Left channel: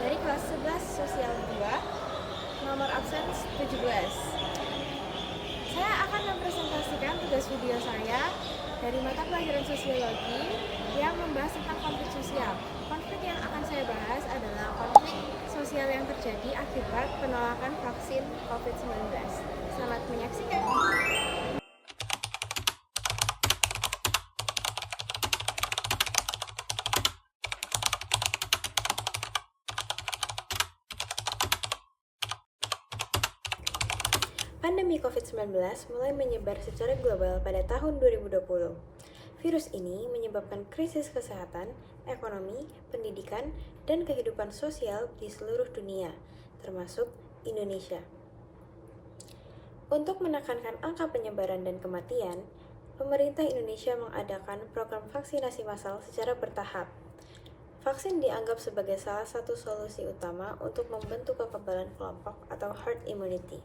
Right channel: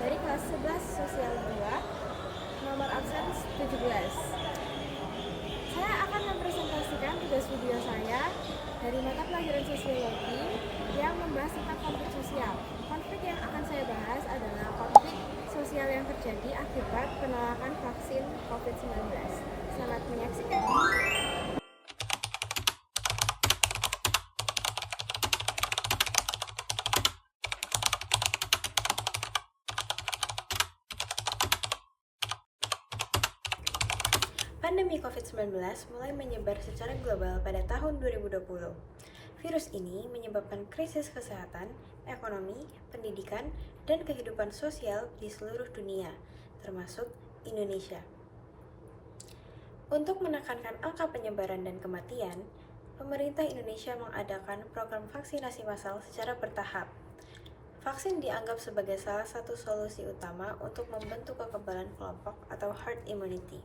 dari kelas 11 Sosial 2, nomor absen 17. Saya akan mempresentasikan tugas video saya dari mata pelajaran sosiologi yang membahas tentang konflik sosial. Konflik yang akan saya bahas adalah konflik sosial yang terjadi akibat penolakan vaksin COVID-19. Selamat menyaksikan. Pandemi COVID-19 mulai menyebar secara global pada tahun 2020. Virus ini menyebabkan krisis kesehatan, ekonomi, pendidikan, dan kehidupan sosial di seluruh dunia, termasuk Indonesia. Untuk menekankan angka penyebaran dan kematian, pemerintah Indonesia mengadakan program vaksinasi massal secara bertahap. Vaksin dianggap sebagai salah satu solusi utama untuk membentuk kekebalan kelompok atau herd immunity.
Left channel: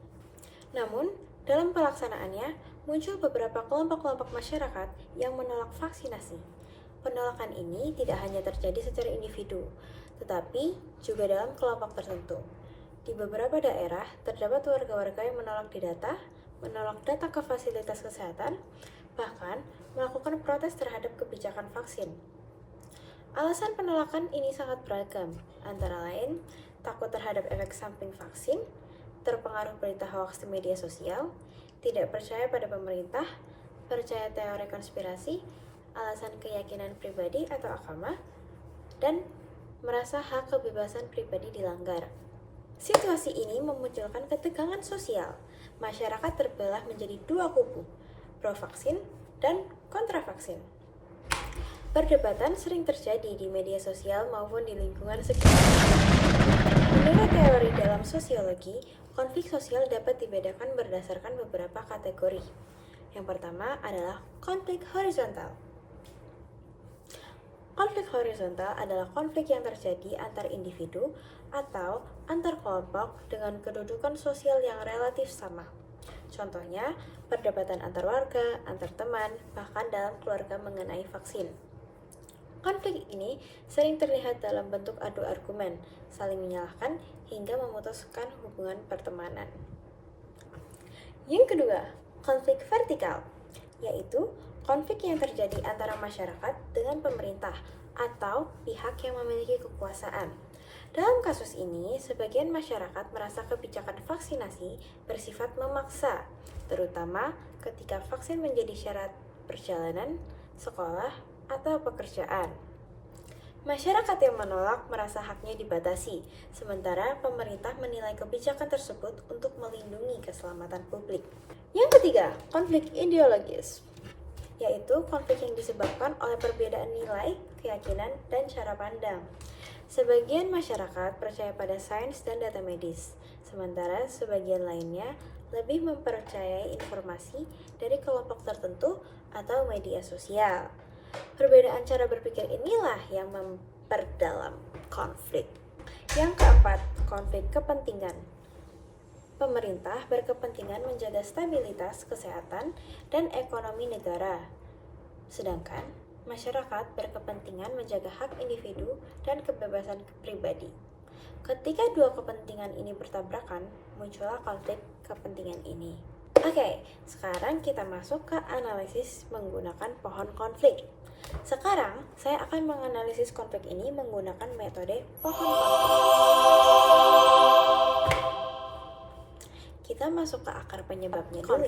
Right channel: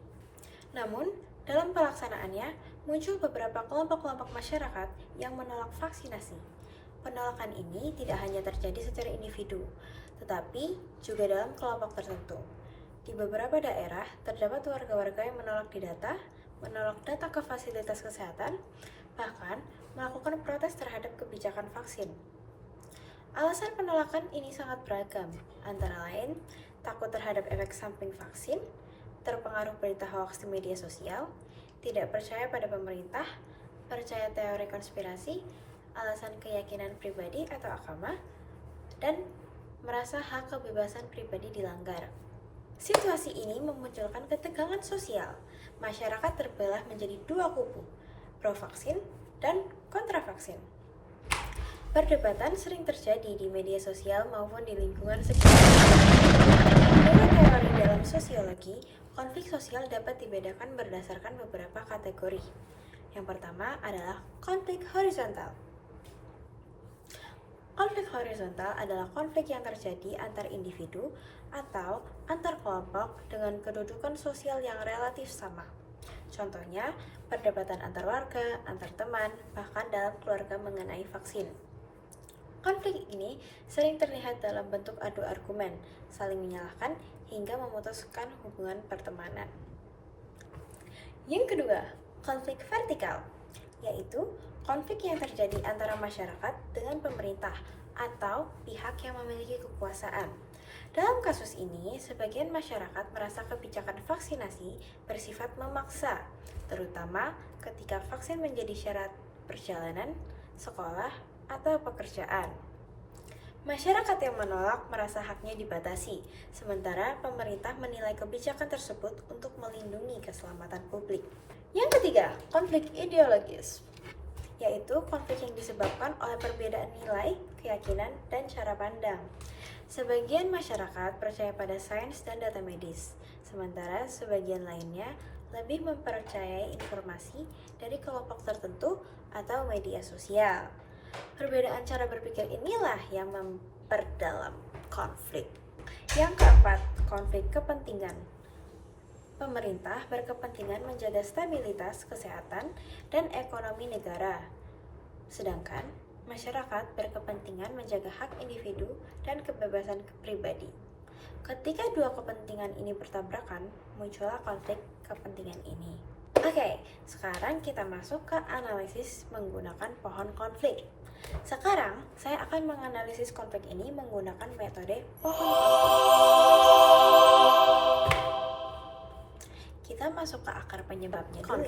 Namun, dalam pelaksanaannya, muncul beberapa kelompok-kelompok masyarakat yang menolak vaksinasi. Penolakan ini tidak hanya terjadi secara individu, tetapi juga dalam kelompok tertentu. Di beberapa daerah, terdapat warga-warga yang menolak data ke fasilitas kesehatan, bahkan melakukan protes terhadap kebijakan vaksin. Alasan penolakan ini sangat beragam, antara lain takut terhadap efek samping vaksin, terpengaruh berita hoax di media sosial, tidak percaya pada pemerintah, percaya teori konspirasi, alasan keyakinan pribadi atau agama, dan merasa hak kebebasan pribadi dilanggar. Situasi ini memunculkan ketegangan sosial. Masyarakat terbelah menjadi dua kubu, pro-vaksin dan kontra-vaksin. Perdebatan sering terjadi di media sosial maupun di lingkungan sekitar. Menurut teori dalam sosiologi, konflik sosial dapat dibedakan berdasarkan beberapa kategori. Yang pertama adalah konflik horizontal. Konflik horizontal adalah konflik yang terjadi antar individu atau antar kelompok dengan kedudukan sosial yang relatif sama. Contohnya, perdebatan antar warga, antar teman, bahkan dalam keluarga mengenai vaksin. Konflik ini sering terlihat dalam bentuk adu argumen, saling menyalahkan, hingga memutuskan hubungan pertemanan. Yang kedua, konflik vertikal, yaitu konflik yang terjadi antara masyarakat dengan pemerintah atau pihak yang memiliki kekuasaan. Dalam kasus ini, sebagian masyarakat merasa kebijakan vaksinasi bersifat memaksa, terutama ketika vaksin menjadi syarat perjalanan, sekolah, atau pekerjaan. Masyarakat yang menolak merasa haknya dibatasi, sementara pemerintah menilai kebijakan tersebut untuk melindungi keselamatan publik. Yang ketiga, konflik ideologis, yaitu konflik yang disebabkan oleh perbedaan nilai, keyakinan, dan cara pandang. Sebagian masyarakat percaya pada sains dan data medis, sementara sebagian lainnya lebih mempercayai informasi dari kelompok tertentu atau media sosial. Perbedaan cara berpikir inilah yang memperdalam konflik. Yang keempat, konflik kepentingan. Pemerintah berkepentingan menjaga stabilitas kesehatan dan ekonomi negara, sedangkan masyarakat berkepentingan menjaga hak individu dan kebebasan pribadi. Ketika dua kepentingan ini bertabrakan, muncullah konflik kepentingan ini. Oke, sekarang kita masuk ke analisis menggunakan pohon konflik. Sekarang, saya akan menganalisis konflik ini menggunakan metode pohon konflik. Kita masuk ke akar penyebabnya dulu.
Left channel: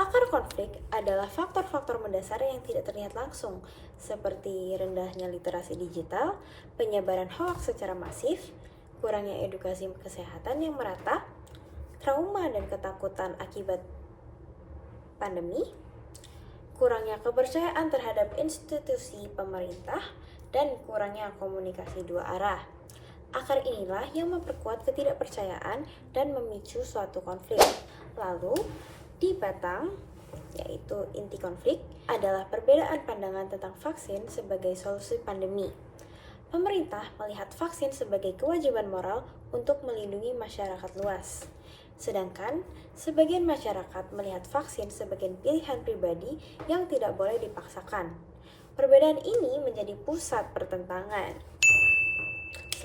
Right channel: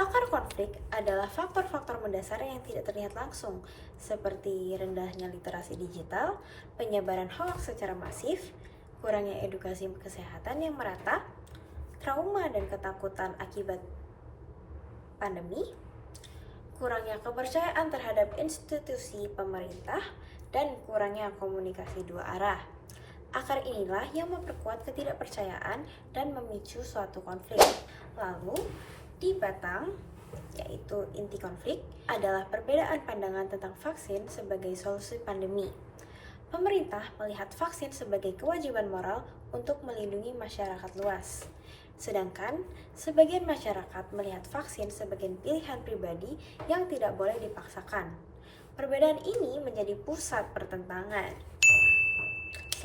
Akar konflik adalah faktor-faktor mendasar yang tidak terlihat langsung, seperti rendahnya literasi digital, penyebaran hoax secara masif, kurangnya edukasi kesehatan yang merata, trauma dan ketakutan akibat pandemi, kurangnya kepercayaan terhadap institusi pemerintah, dan kurangnya komunikasi dua arah. Akar inilah yang memperkuat ketidakpercayaan dan memicu suatu konflik. Lalu, di batang, yaitu inti konflik, adalah perbedaan pandangan tentang vaksin sebagai solusi pandemi. Pemerintah melihat vaksin sebagai kewajiban moral untuk melindungi masyarakat luas. Sedangkan, sebagian masyarakat melihat vaksin sebagai pilihan pribadi yang tidak boleh dipaksakan. Perbedaan ini menjadi pusat pertentangan.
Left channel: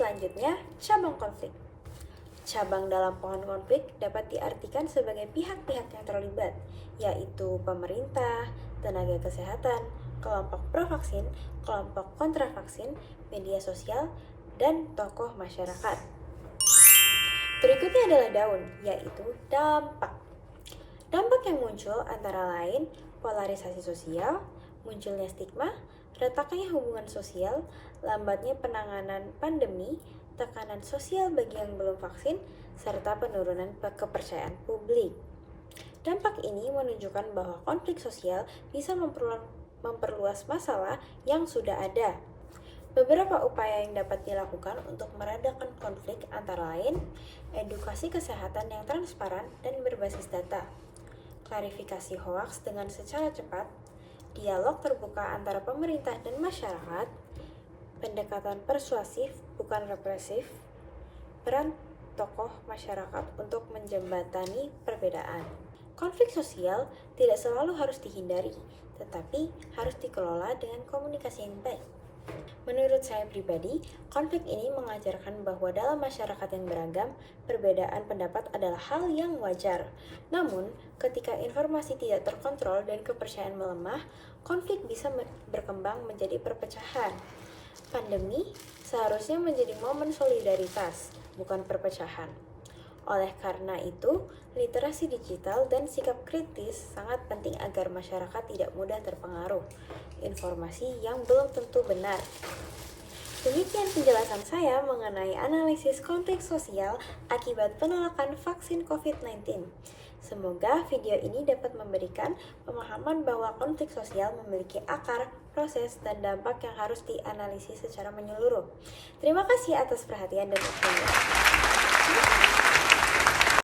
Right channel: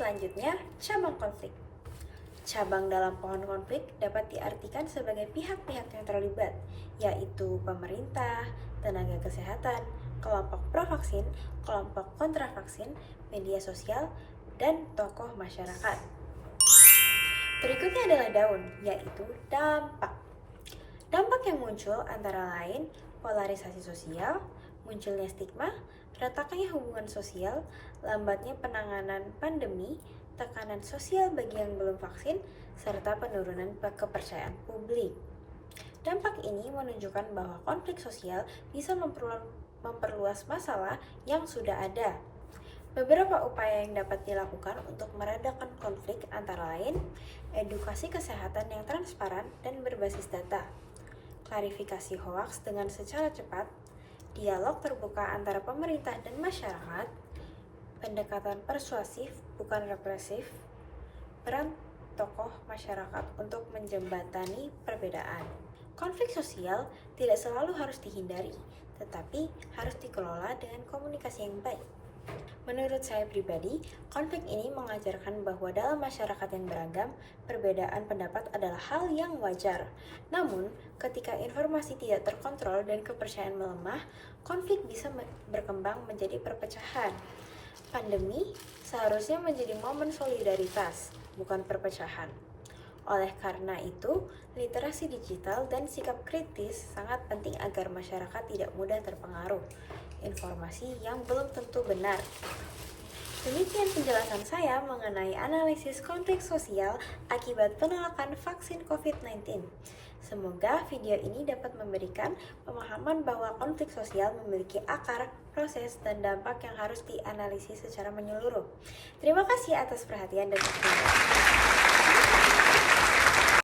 Selanjutnya, cabang konflik. Cabang dalam pohon konflik dapat diartikan sebagai pihak-pihak yang terlibat, yaitu pemerintah, tenaga kesehatan, kelompok pro-vaksin, kelompok kontra-vaksin, media sosial, dan tokoh masyarakat. Berikutnya adalah daun, yaitu dampak. Dampak yang muncul antara lain polarisasi sosial, munculnya stigma, retaknya hubungan sosial, lambatnya penanganan pandemi, tekanan sosial bagi yang belum vaksin, serta penurunan kepercayaan publik. Dampak ini menunjukkan bahwa konflik sosial bisa memperluas masalah yang sudah ada. Beberapa upaya yang dapat dilakukan untuk meredakan konflik antara lain edukasi kesehatan yang transparan dan berbasis data, klarifikasi hoaks dengan secara cepat, dialog terbuka antara pemerintah dan masyarakat, pendekatan persuasif bukan represif, peran tokoh masyarakat untuk menjembatani perbedaan. Konflik sosial tidak selalu harus dihindari, tetapi harus dikelola dengan komunikasi yang baik. Menurut saya pribadi, konflik ini mengajarkan bahwa dalam masyarakat yang beragam, perbedaan pendapat adalah hal yang wajar. Namun, ketika informasi tidak terkontrol dan kepercayaan melemah, konflik bisa berkembang menjadi perpecahan. Pandemi seharusnya menjadi momen solidaritas, bukan perpecahan. Oleh karena itu, literasi digital dan sikap kritis sangat penting agar masyarakat tidak mudah terpengaruh informasi yang belum tentu benar. Demikian penjelasan saya mengenai analisis konflik sosial akibat penolakan vaksin COVID-19. Semoga video ini dapat memberikan pemahaman bahwa konflik sosial memiliki akar, proses, dan dampak yang harus dianalisis secara menyeluruh. Terima kasih atas perhatian dan waktunya.